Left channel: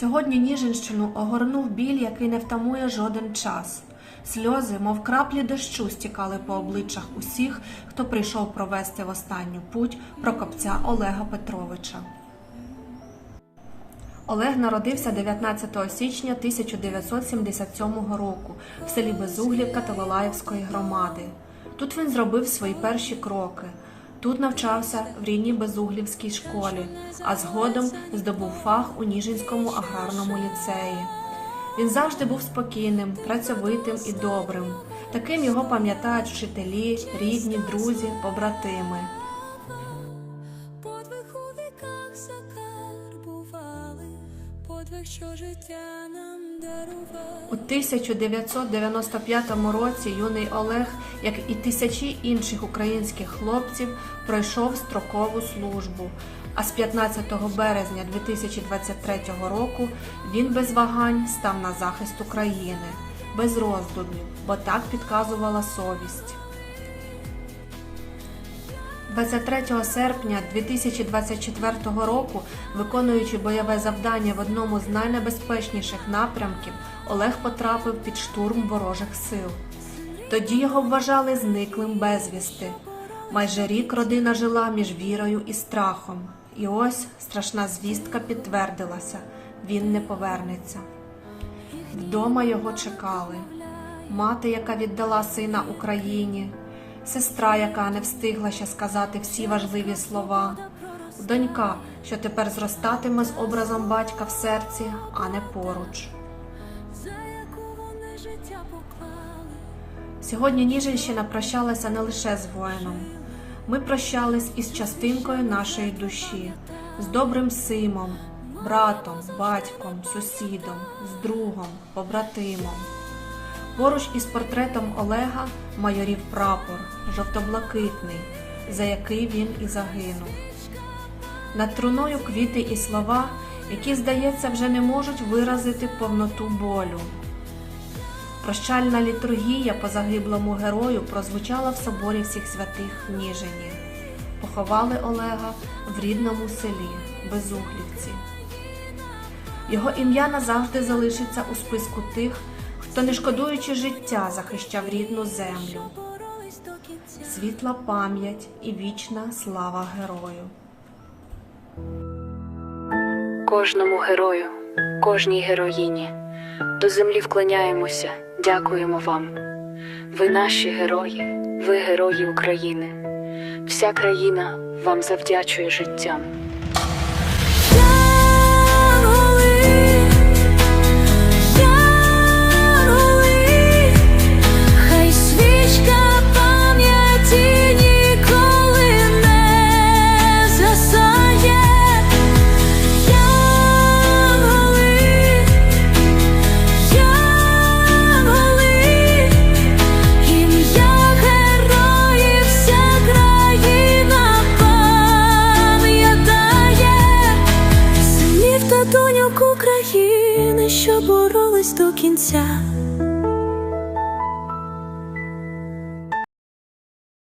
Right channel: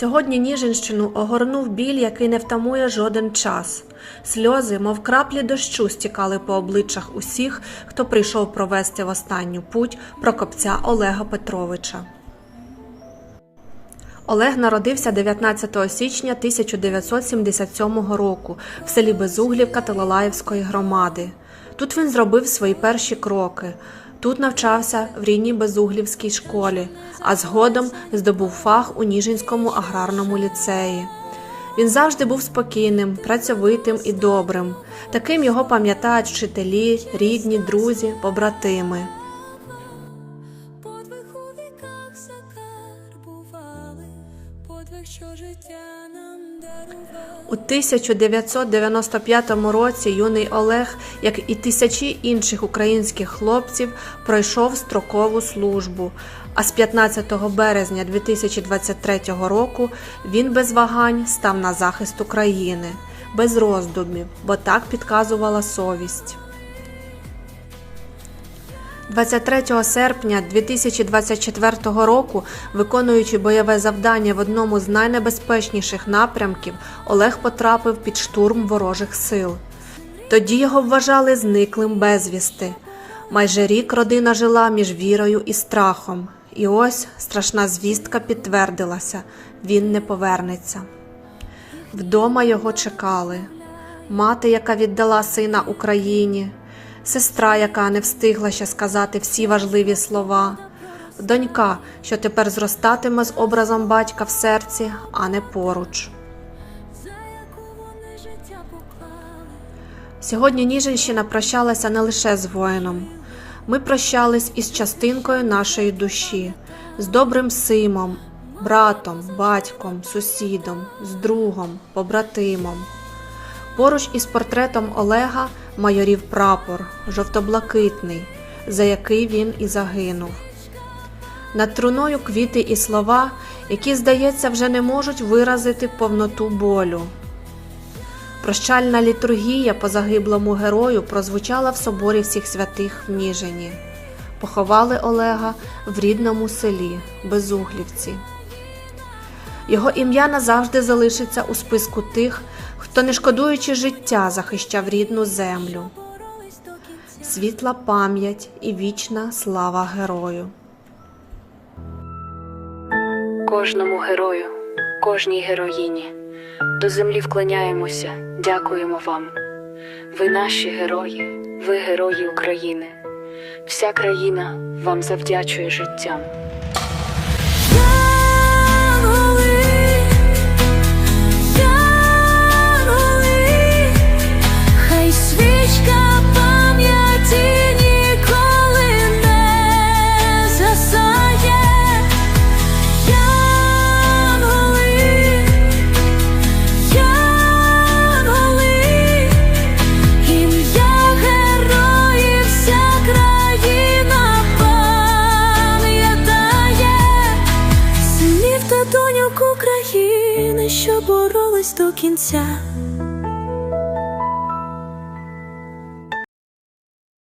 Сьогодні Ніжинщину огорнув біль, який не втамує жоден час. Сльози, мов краплі дощу, стікали по обличчях усіх, хто прийшов провести в останню путь прокопця Олега Петровича. Олег народився 19 січня 1977 року в селі Безуглівка Телолаївської громади. Тут він зробив свої перші кроки. Тут навчався в рідній Безуглівській школі, а згодом здобув фах у Ніжинському аграрному ліцеї. Він завжди був спокійним, працьовитим і добрим. Таким його пам'ятають вчителі, рідні, друзі, побратими. Подвиг у віках закарбували, подвиг, що життя нам. У 1995 році юний Олег, як і тисячі інших українських хлопців, пройшов строкову службу. А з 15 березня 2023 року він без вагань став на захист України, без роздумів, бо так підказувала совість. 23 серпня 2024 року, виконуючи бойове завдання в одному з найнебезпечніших напрямків, Олег потрапив під штурм ворожих сил. Тоді його вважали зниклим безвісти. Майже рік родина жила між вірою і страхом. І ось страшна звістка підтвердилася він не повернеться. Вдома його чекали. Мати, яка віддала сина Україні, сестра, яка не встигла ще сказати всі важливі слова, донька, що тепер зростатиме з образом батька в серці, а не поруч. Сьогодні Ніжинщина прощалася не лише з воїном. Ми прощались із частинкою нашої душі, з добрим симом, братом, батьком, сусідом, з другом, побратимом. Поруч із портретом Олега майорів прапор, жовто-блакитний, за який він і загинув. Над труною квіти і слова, які, здається, вже не можуть виразити повноту болю. Прощальна літургія по загиблому герою прозвучала в соборі всіх святих в Ніжині. Поховали Олега в рідному селі Безуглівці. Його ім'я назавжди залишиться у списку тих, хто, не шкодуючи життя, захищав рідну землю. Світла пам'ять і вічна слава герою. Кожному герою, кожній героїні. До землі вклоняємося, дякуємо вам. Ви наші герої, ви герої України. Вся країна вам завдячує життям. Що боролись до кінця.